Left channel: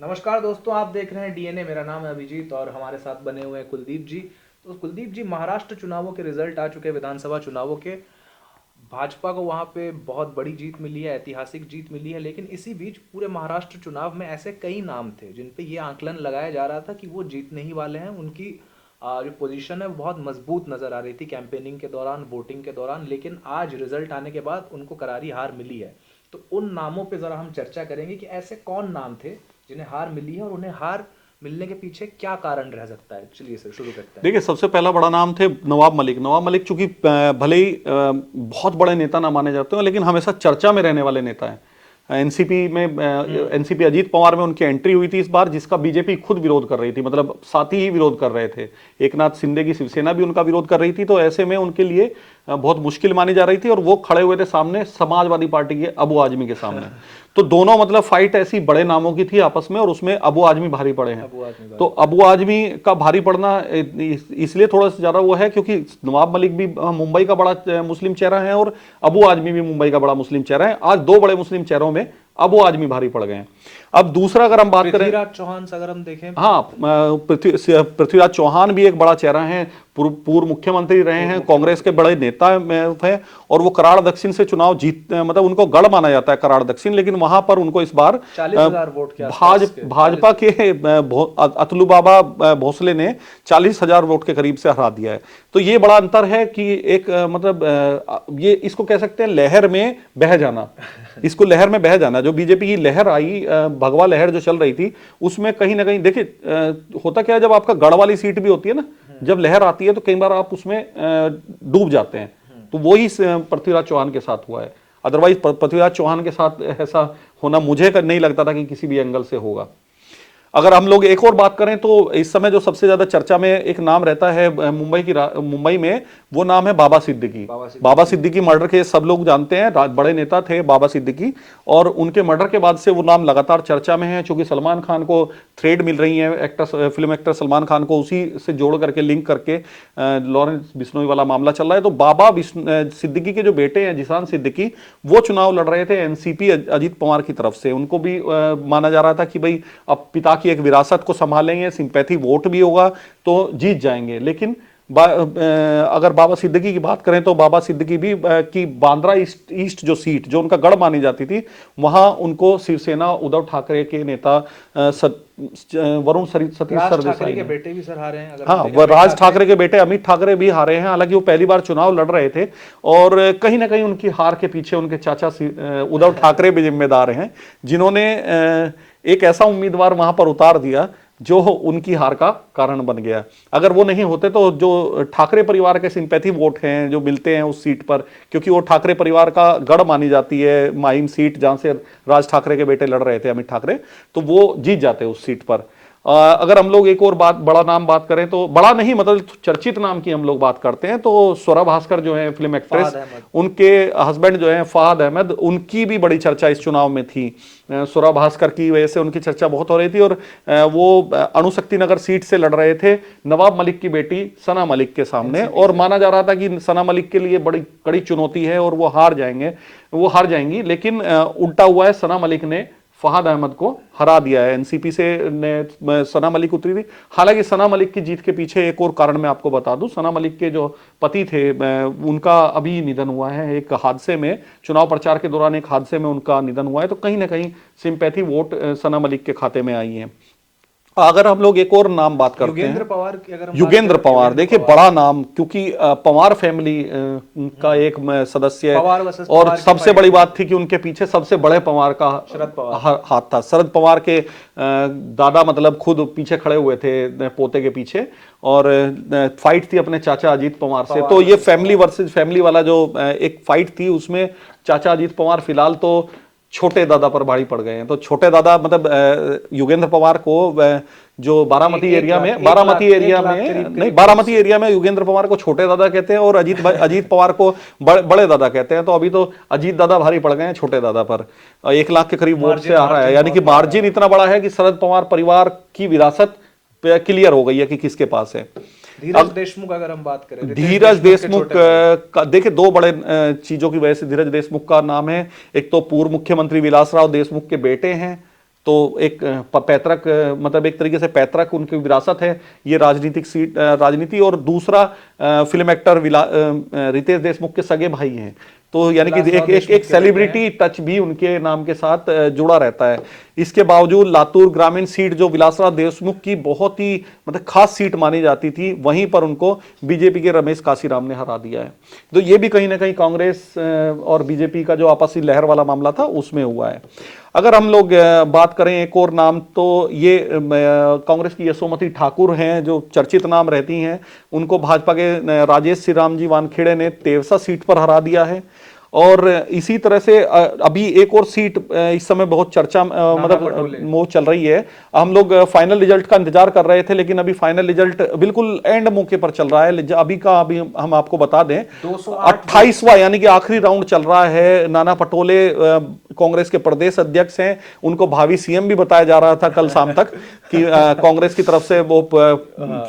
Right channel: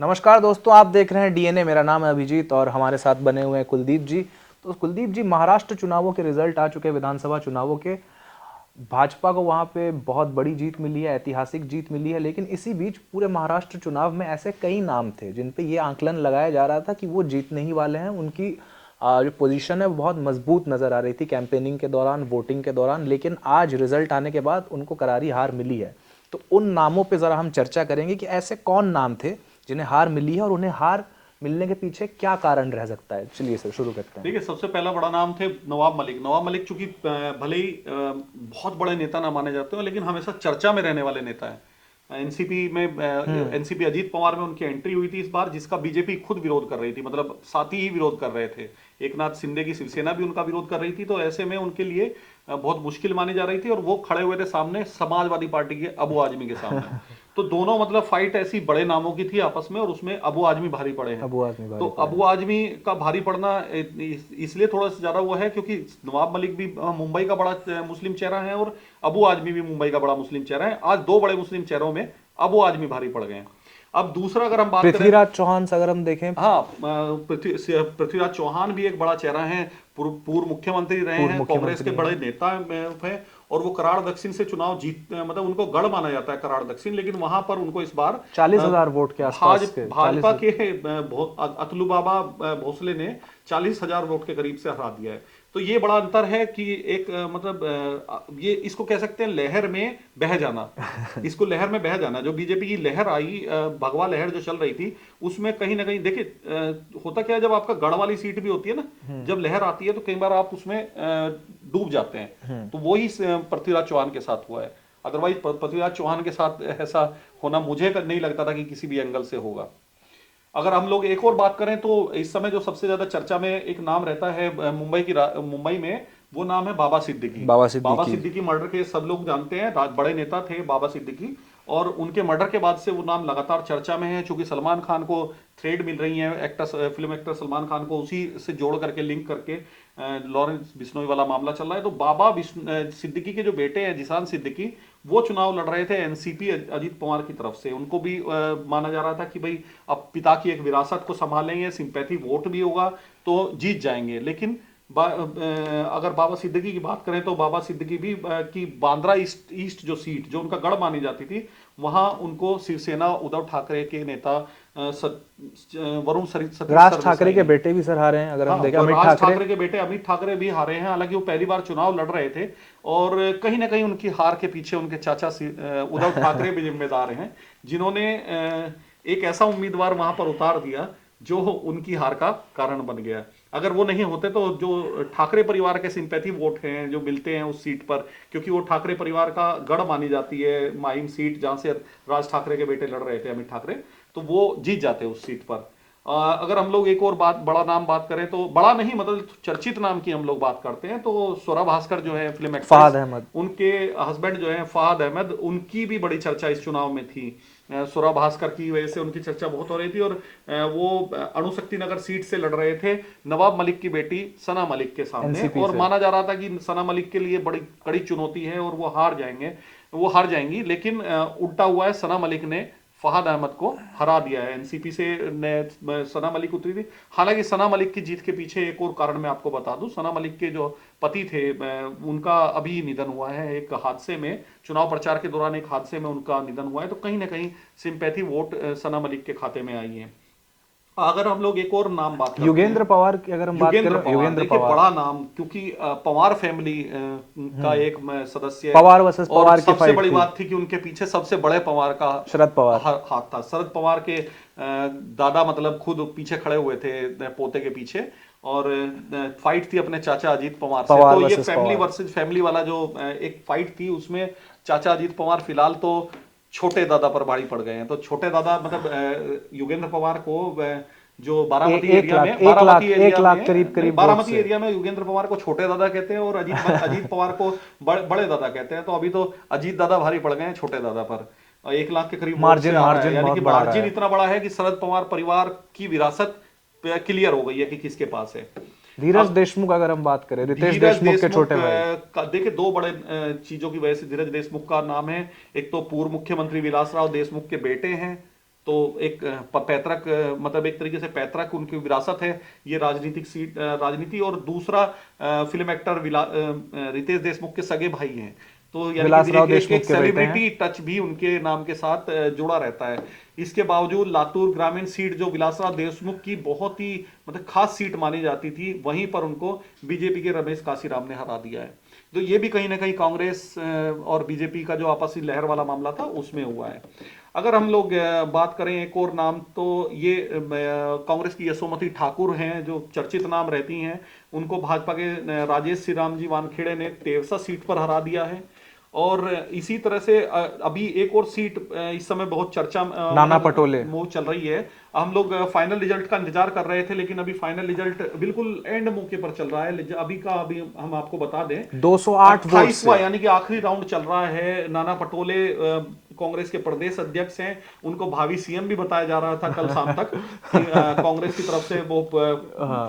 नमस्कार दोस्तों, आप देख रहे हैं डीएनए। मेरा नाम है अभिजीत और हमारे साथ बने हुए हैं कुलदीप जी। तो कुलदीप जी, महाराष्ट्र चुनावों के रिजल्ट आ चुके हैं, विधानसभा चुनावों के। भाजपा को वहां पे बहुत बड़ी जीत मिली है, ऐतिहासिक जीत मिली है। लेकिन इसी बीच पूरे महाराष्ट्र चुनाव में ऐसे कई नाम थे जिन पे ये आंकलन लगाया जा रहा था कि वो जीतने ही वाले हैं। उनकी जो पोजीशन है वो बहुत मजबूत नजर आ रही थी कैंपेनिंग के दौरान, वोटिंग के दौरान। लेकिन आज रिजल्ट आने के बाद उनको करारी हार मिली है। तो उन नामों पे ज़रा हम चर्चा करेंगे कि ऐसे कौन नाम थे जिन्हें हार मिली है और उन्हें हार मिलने के पीछे क्या कारण रह सकता है। चलिए सर, शुरू करते हैं। देखिए, सबसे पहला बड़ा नाम थे नवाब मलिक। नवाब मलिक चूंकि भले ही बहुत बड़े नेता ना माने जाते हो, लेकिन हमेशा चर्चा में रहने वाले नेता हैं। एनसीपी में एनसीपी अजीत पवार में उनकी एंट्री हुई थी इस बार, जिसका बीजेपी खुद विरोध कर रही थी, मतलब साथी ही विरोध कर रहे थे। एकनाथ शिंदे की शिवसेना भी उनका विरोध कर रही थी। तो ऐसे में उनके लिए बहुत मुश्किल मानी जा रही थी और वो खड़े हुए थे सामने समाजवादी पार्टी के अबू आजमी के सामने। तो दोनों मतलब फाइट ऐसी बड़े नामों की थी आपस में, और उसमें अबू आजमी भारी पड़े हैं। तो अबू आजमी का भारी पड़ना इसलिए थोड़ा सा ज्यादा वो है क्योंकि नवाब मलिक भी मुंबई का बड़ा मुस्लिम चेहरा है और अबू आजमी भी मुंबई का बड़ा मुस्लिम चेहरा है। आज दो बड़े मुस्लिम चेहरों में अबू आजमी भारी पड़ गए हैं। अब दूसरा अगर हम बात करें, पृथ्वीराज चौहान से अगर हम देखें, हाँ, पृथ्वीराज चौहान भी एक बड़ा चेहरा है, पूर्व मुख्यमंत्री रहे हैं, कांग्रेस के बड़े नेता हैं और वो कराड़ दक्षिण से चुनाव जीत, मतलब उनको गढ़ माना जाता है कराड़ दक्षिण। लेकिन वहां पर उनको इस बार 40,000 वोट के आसपास भाजपा के अतुलू बाबा भोसले ने 40,000 वोट के करीब से हरा दिया है। तो ये बड़ा अंतर है कि एक मतलब ये इसको कह सकते हैं लहर में बह जाना। इसको लहर में बह जाना, जो बीजेपी की लहर आई, भगवा लहर जो चल रही थी, उसमें कहीं ना कहीं देखिए होता क्या है, जब आपका गढ़ वाली सीट भी होती है ना, जब लहर आती है तो कई बार आप उसमें डूब जाते हैं। तो वही पृथ्वीराज चौहान के साथ हुआ है। अदरवाइज पृथ्वीराज चौहान के साथ ऐसा होना मुझे नहीं लगता था कि किसी भी एंगल से होगा। अगर हम लोग एक और बात करें तो इस समय जो सबसे ज्यादा चर्चा में एक नाम रहता है मुंबई में, वो नाम है बाबा सिद्दीकी। बाबा सिद्दीकी मर्डर केस सब लोग जानते हैं, बड़े नेता थे बाबा सिद्दीकी, और उनके मर्डर के बाद से वो नाम लगातार चर्चा में है। क्योंकि सलमान खान को थ्रेड मिल रही है, फिल्म एक्टर सलमान खान को उसी से जोड़ करके, लिंक करके लॉरेंस बिश्नोई वाला मामला चल रहा है। तो बाबा सिद्दीकी के जो बेटे हैं जिशान सिद्दीकी, वो चुनाव लड़ रहे थे एनसीपी अजीत पवार की तरफ से। उनको भी माना जा रहा था कि भाई अब पिता की एक विरासत को संभालेंगे, सिंपैथी वोट भी होगा तो जीत जाएंगे। लेकिन अगर बाबा सिद्दीकी की बात करें तो बाबा सिद्दीकी भी की बांद्रा ईस्ट जो सीट जो उनका गढ़ मानी जाती थी, वहां उनको शिवसेना उद्धव ठाकरे के नेता वरुण राज ठाकरे के बेटे भी सर हारे हैं। अगर हाँ, राज ठाकरे के बेटे अमित ठाकरे भी हारे हैं। हालांकि वो पहली बार चुनाव लड़ रहे थे और कहीं ना कहीं उनकी हार के पीछे उनके चाचा उद्धव ठाकरे भी जिम्मेदार हैं, जिन्होंने एक ऐसा उम्मीदवार वहां पर उतार दिया जो उनकी हार का कारण बन गया। अगर वो नहीं होते तो जो ठाकरे परिवार के सिंपैथी वोट हैं जो मिलते हैं उस सीट पर, क्योंकि वो ठाकरे परिवार का गढ़ मानी जाती है, माहिम सीट जहां से राज ठाकरे के बेटे लड़ रहे थे अमित ठाकरे, तो वो जीत जाते उस सीट पर। अगर हम लोग एक और बड़ा नाम बात करें तो, बड़ा नहीं मतलब चर्चित नाम की हम लोग बात करते हैं, तो स्वरा भास्कर जो है फिल्म एक्ट्रेस, उनके हस्बैंड जो है फहाद अहमद, उनकी भी बड़ी चर्चा इस चुनाव में थी। स्वरा भास्कर की वजह से उनकी चर्चा बहुत हो रही थी और वो अणुशक्ति नगर सीट से लड़ रहे थे नवाब मलिक की बेटी सना मलिक के सामने, और माना जा रहा था कि सना मलिक के लिए बड़ी कड़ी चुनौती है और वो हार जाएंगी। लेकिन उल्टा हुआ है, सना मलिक ने फहाद अहमद को हरा दिया है। एनसीपी से सना मलिक उतरी थी। हालांकि सना मलिक की जीत के पीछे एक और कारण मैं आपको बता दूं, सना मलिक के जो पति थे उनका अभी निधन हुआ है एक हादसे में, चुनाव प्रचार के दौरान एक हादसे में उनका निधन हुआ है। तो कहीं ना कहीं सिंपैथी वोट सना मलिक के खाते में आई है। अगर हम लोग एक और नाम बात करते हैं, युगेंद्र पवार की अगर हम युगेंद्र पवार, देखिए बड़ा नाम, क्योंकि पवार फैमिली का एक सदस्य है, और सबसे बड़ी बात थी कि उनके पीछे सबसे बड़े पवार का शरद पवार हाथ था। शरद पवार के दादा मतलब खुद पीछे खड़े हुए थे पोते के पीछे, और फाइट थी अपने चाचा अजीत पवार से। तो ये फैमिली वर्सेस फैमिली वाला जो एक फाइट थी, उसमें चाचा अजीत पवार फिलहाल तो छोटे दादा पर भारी पड़ गए हैं। तो छोटे दादा मतलब युगेंद्र पवार को जो बारामती एरिया में युगेंद्र पवार को छोटे दादा कहते हैं और अजीत पवार को बड़े दादा कहते हैं। तो अभी तो अजीत दादा भारी पड़ गए हैं छोटे दादा पर। 1 लाख के करीब वोट से आ रहा है, यानी कि मार्जिन इतना बड़ा है कि शरद पवार परिवार की विरासत क्लियर हो गई है कि किसके पास है। धीरज देशमुख अगर हम बात करें, धीरज देशमुख का देखिए दो बड़े चीजों की वजह से धीरज देशमुख का नाम है। एक तो पूर्व मुख्यमंत्री विलासराव देशमुख के बेटे हैं, तो एक पैतृक मतलब एक तरीके से पैतृक उनकी विरासत है ये राजनीतिक सीट, राजनीति। और दूसरा फिल्म एक्टर रितेश देशमुख के सगे भाई हैं, तो यानी कि विलासराव एक एक, देशमुख एक के बेटे सेलिब्रिटी टच भी उनके नाम के साथ जुड़ा रहता है। इसके बावजूद लातूर ग्रामीण सीट जो विलासराव देशमुख की बहुत ही मतलब खास सीट मानी जाती थी, वहीं पर उनको बीजेपी के रमेश काशीराम ने हरा दिया है। तो ये भी कहीं ना कहीं कांग्रेस और बीजेपी का जो आपसी लहर वाला मामला था उसमें हुआ है। अगर हम लोग बात करें एक और नाम, तो ये कांग्रेस की यशोमती ठाकुर हैं जो चर्चित नाम रहती हैं, उनको भाजपा के राजेश श्री राम जी वानखेड़े ने तेवसा सीट पर हरा दिया है। और इसी तरह से अभी एक और सीट इस समय बहुत चर्चा नाना पटोले वो चल रही है। हम लोग फाइनल रिजल्ट का इंतजार कर रहे थे, लेकिन अभी फाइनल रिजल्ट बिल्कुल एंड मौके पर चल रहा है। अभी हम आपको बता दें 208 28वां यानी कि आखिरी राउंड चल रहा है। नाना पटोले कांग्रेस के प्रदेश अध्यक्ष हैं, उनको भावी सीएम भी बताया जा रहा था कल शाम तक कि कांग्रेस की तरफ से वो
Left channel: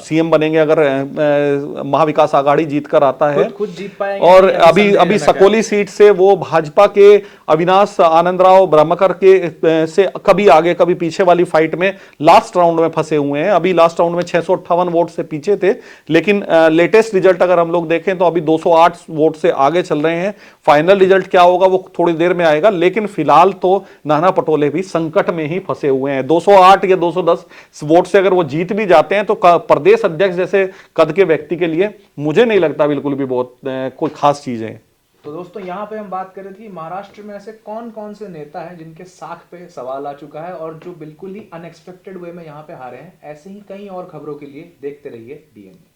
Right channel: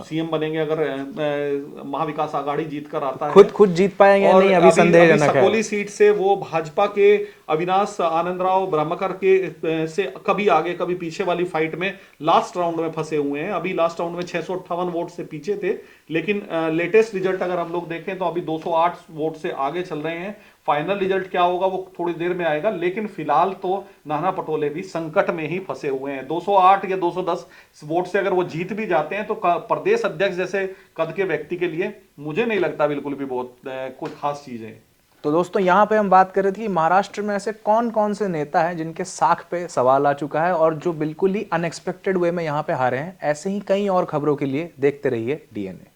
सीएम बनेंगे अगर महाविकास आघाड़ी जीत कर आता है। खुद जीत पाएंगे और नहीं, अभी सकोली सीट से वो भाजपा के अविनाश आनंदराव ब्रह्मकर के से कभी आगे कभी पीछे वाली फाइट में लास्ट राउंड में फंसे हुए हैं। अभी लास्ट राउंड में 658 वोट से पीछे थे, लेकिन लेटेस्ट रिजल्ट अगर हम लोग देखें तो अभी 208 वोट से आगे चल रहे हैं। फाइनल रिजल्ट क्या होगा वो थोड़ी देर में आएगा, लेकिन फिलहाल तो नाना पटोले भी संकट में ही फंसे हुए हैं। 208 या 210 वोट से अगर वो जीत भी जाते हैं तो प्रदेश अध्यक्ष जैसे कद के व्यक्ति के लिए मुझे नहीं लगता बिल्कुल भी बहुत कोई खास चीज है। तो दोस्तों यहाँ पे हम बात कर रहे थे कि महाराष्ट्र में ऐसे कौन कौन से नेता हैं जिनके साख पे सवाल आ चुका है और जो बिल्कुल ही अनएक्सपेक्टेड वे में यहाँ पे हारे हैं। ऐसे ही कई और खबरों के लिए देखते रहिए DNA।